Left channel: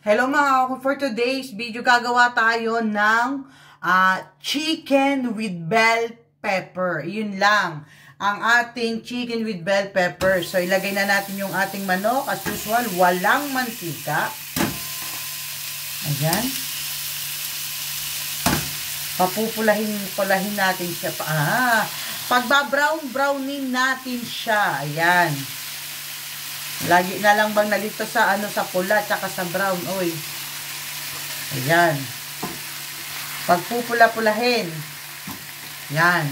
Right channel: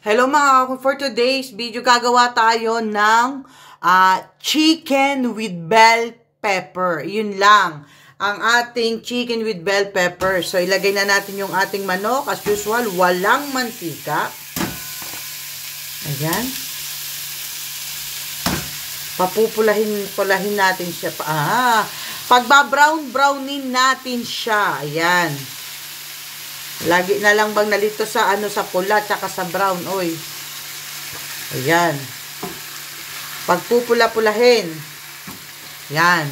Hello mga kako, for today's video gagawa tayo ng chicken with bell pepper. Yun lang ang ating chicken with bell pepper. So ilagay na natin yung ating manok as usual, walang mantika. Ayan. Papupulahin natin siya. Pagba-brownin natin siya. Ayan. Lagi na lang bang nalito sa sa pula tsaka sa brown, oy. Ayan. Pagpupula-pulahin. Yan.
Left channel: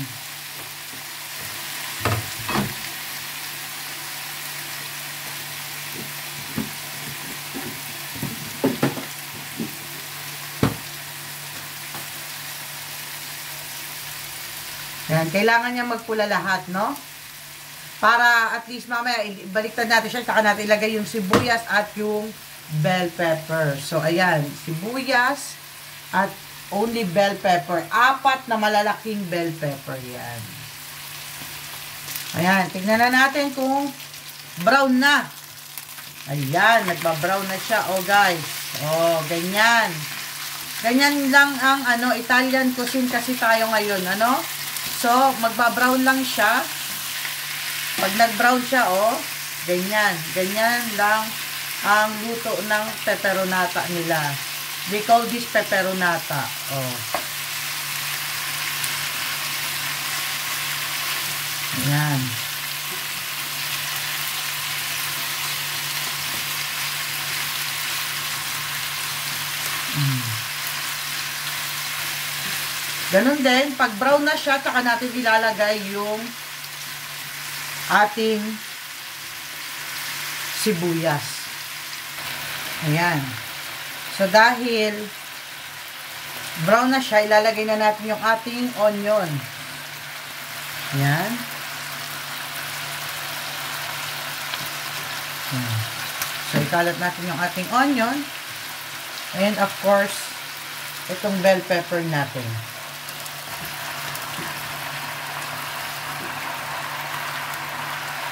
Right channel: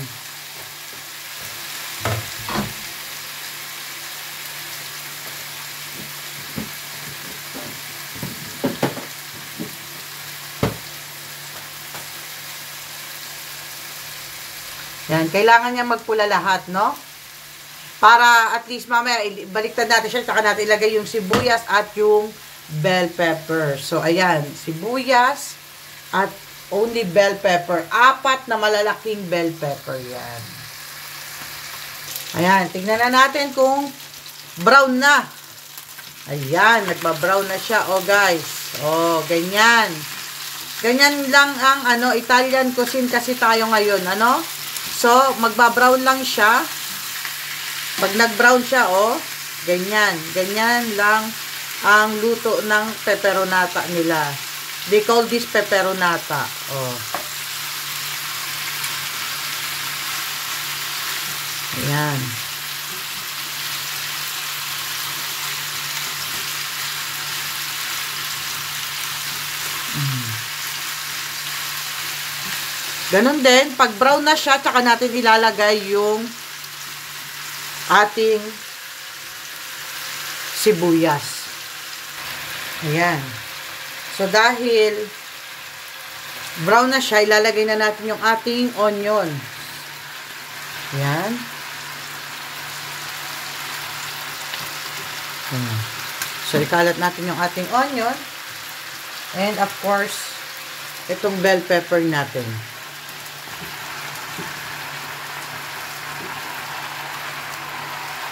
Yan, kailangan niya magpula lahat, no? Para at least mamaya, baliktad natin siya, saka natin ilagay yung sibuyas at yung bell pepper. So, ayan, sibuyas at only bell pepper. 4 na malalaking bell pepper, yan. Ayan, tignan na natin kung brown na. Ayan, nagba-brown na siya, oh guys. Oh, ganyan. Ganyan lang ang Italian cuisine kasi tayo ngayon, ano? So, magba-brown lang siya. Pag nag-brown siya, oh, ganyan. Ganyan lang ang luto ng peperonata nila. They call this peperonata. Oh. Ayan. Ganun din, pag brown na siya, tsaka natin ilalagay yung ating sibuyas. Ayan. So, dahil brown na siya, ilalagay na natin yung ating onion. Ayan. So, ikalat natin yung ating onion. And, of course, itong bell pepper natin.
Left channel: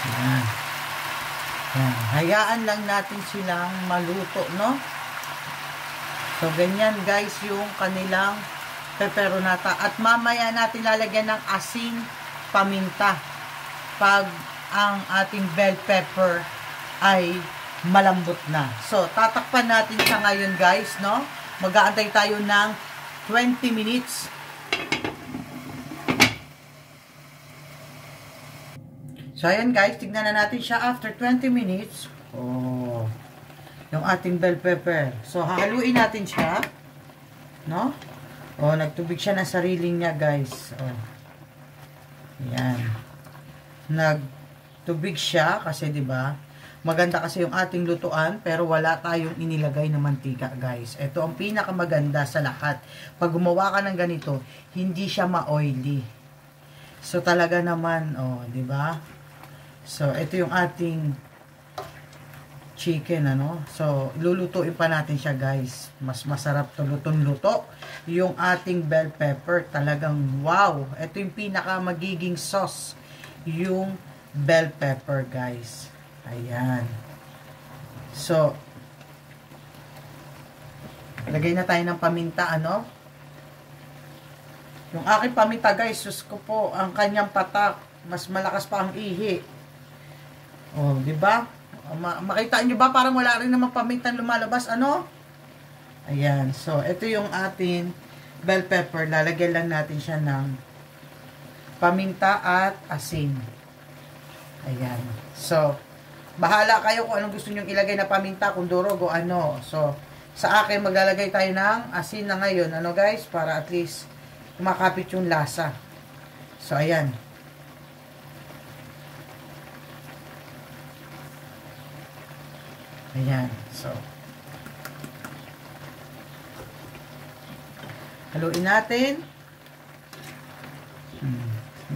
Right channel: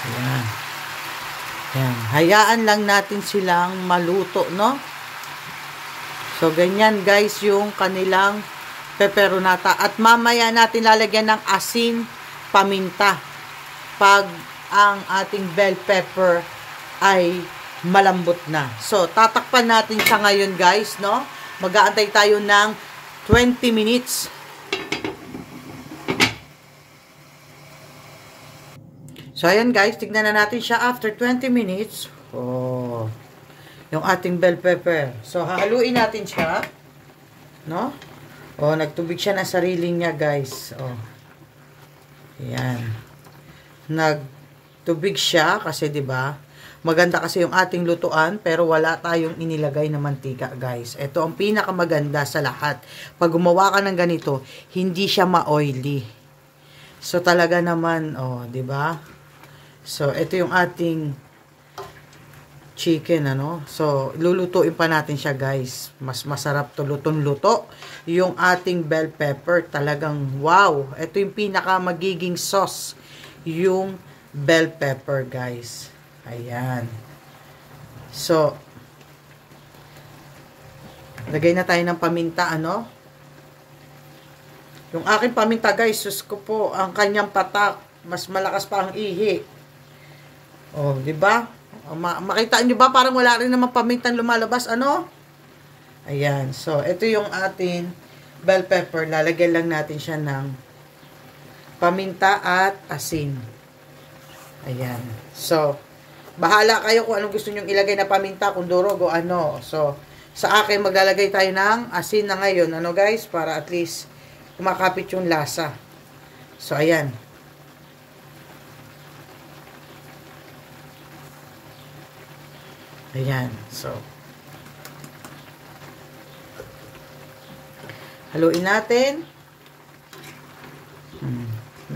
Ayan. Ayan. Hayaan lang natin silang maluto, no? So, ganyan guys yung kanilang peperonata. At mamaya natin lalagyan ng asin, paminta. Pag ang ating bell pepper ay malambot na. So, tatakpan natin siya ngayon guys, no? Mag-aantay tayo ng 20 minutes. So, ayan guys, tignan na natin siya after 20 minutes. Oh, yung ating bell pepper. So, hahaluin natin siya. No? Oh, nagtubig siya na sarili niya guys. Oh. Ayan. Nagtubig siya kasi 'di ba? Maganda kasi yung ating lutuan pero wala tayong inilagay na mantika guys. Ito ang pinakamaganda sa lahat. Pag gumawa ka ng ganito, hindi siya ma-oily. So, talaga naman, oh, 'di ba? So, ito yung ating chicken, ano? So, lulutuin pa natin siya, guys. Mas masarap to lutong-luto. Yung ating bell pepper, talagang wow. Ito yung pinaka magiging sauce. Yung bell pepper, guys. Ayan. So, lagay na tayo ng paminta, ano? Yung aking paminta, guys, sus ko po, ang kanyang patak, mas malakas pa ang ihi. Oh, 'di ba? Makita niyo ba parang wala rin namang pamintang lumalabas, ano? Ayan. So, ito yung ating bell pepper. Lalagyan lang natin siya ng paminta at asin. Ayan. So, bahala kayo kung anong gusto niyo ilagay na paminta, kung durog o ano. So, sa akin maglalagay tayo ng asin na ngayon, ano guys, para at least kumakapit yung lasa. So, ayan. Ayan. So, haluin natin.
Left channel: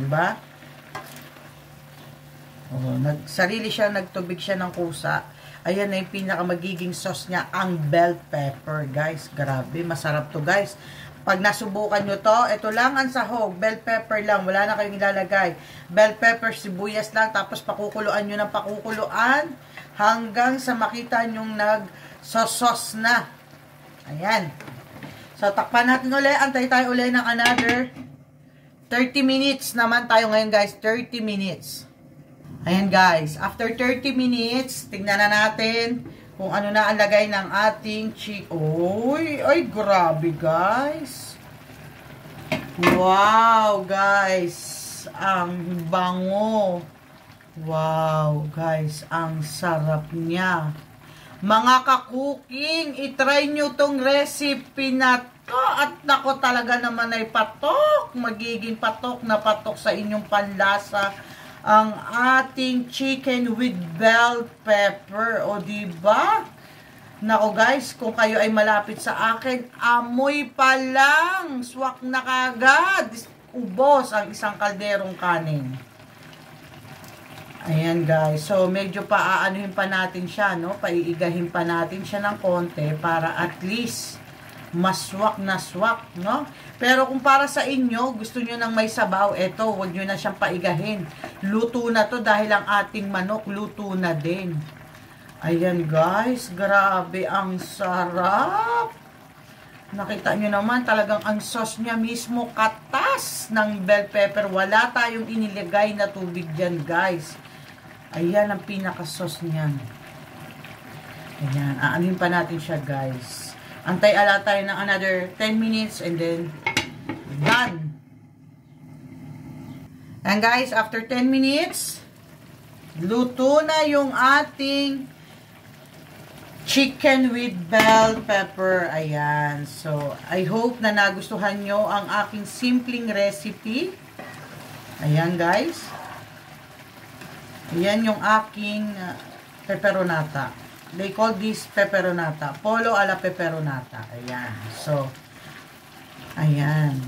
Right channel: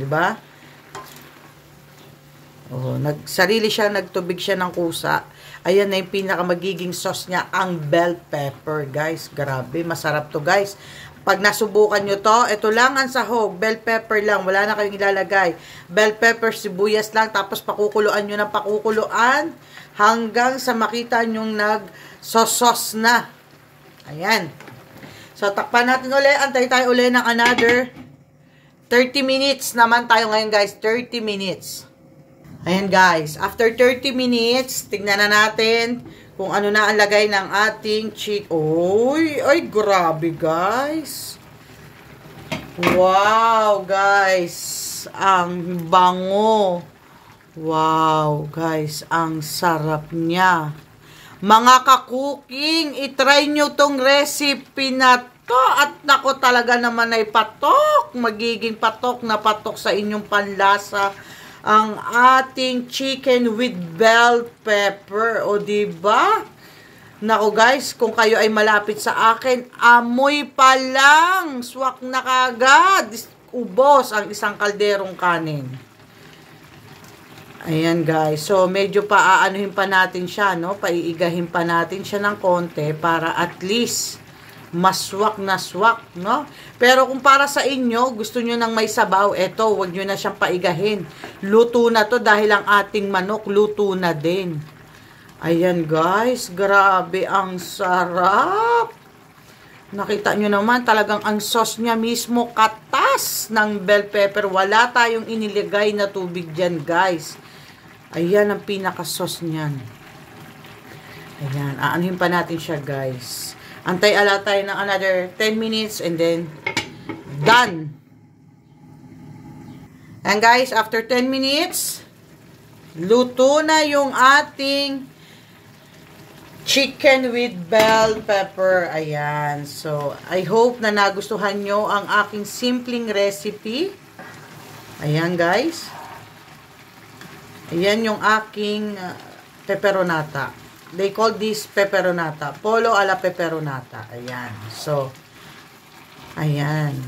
Di ba? Oh, nagtubig siya ng kusa. Ayan na yung pinaka magiging sauce niya, ang bell pepper, guys. Grabe, masarap to, guys. Pag nasubukan nyo to, ito lang ang sahog, bell pepper lang, wala na kayong ilalagay. Bell pepper, sibuyas lang, tapos pakukuluan nyo ng pakukuluan hanggang sa makita nyong nag-sauce na. Ayan. So, takpan natin ulit, antay tayo ulit ng another 30 minutes naman tayo ngayon, guys. 30 minutes. Ayan, guys. After 30 minutes, tignan na natin kung ano na ang lagay ng ating chicken. Uy, ay, grabe, guys. Wow, guys. Ang bango. Wow, guys. Ang sarap niya. Mga ka-cooking, itry nyo tong recipe na to. At nako, talaga naman ay patok. Magiging patok na patok sa inyong panlasa ang ating chicken with bell pepper. O, diba? Nako, guys, kung kayo ay malapit sa akin, amoy pa lang. Swak na kagad. Ubos ang isang kalderong kanin. Ayan, guys. So, medyo paaanuhin pa natin siya, no? Paiigahin pa natin siya ng konti para at least maswak na swak, no? Pero kung para sa inyo, gusto nyo ng may sabaw, eto, huwag nyo na siyang paigahin. Luto na to dahil ang ating manok luto na din. Ayan, guys. Grabe, ang sarap. Nakita nyo naman, talagang ang sauce niya mismo katas ng bell pepper. Wala tayong inilagay na tubig dyan, guys. Ayan ang pinaka-sauce niyan. Ayan, aanhin pa natin siya, guys. Antay-ala tayo ng another 10 minutes and then done. And guys, after 10 minutes, luto na yung ating chicken with bell pepper. Ayan. So, I hope na nagustuhan nyo ang aking simpleng recipe. Ayan, guys. Ayan yung aking pepperonata. They call this pepperonata. Polo alla pepperonata. Ayan. So, ayan.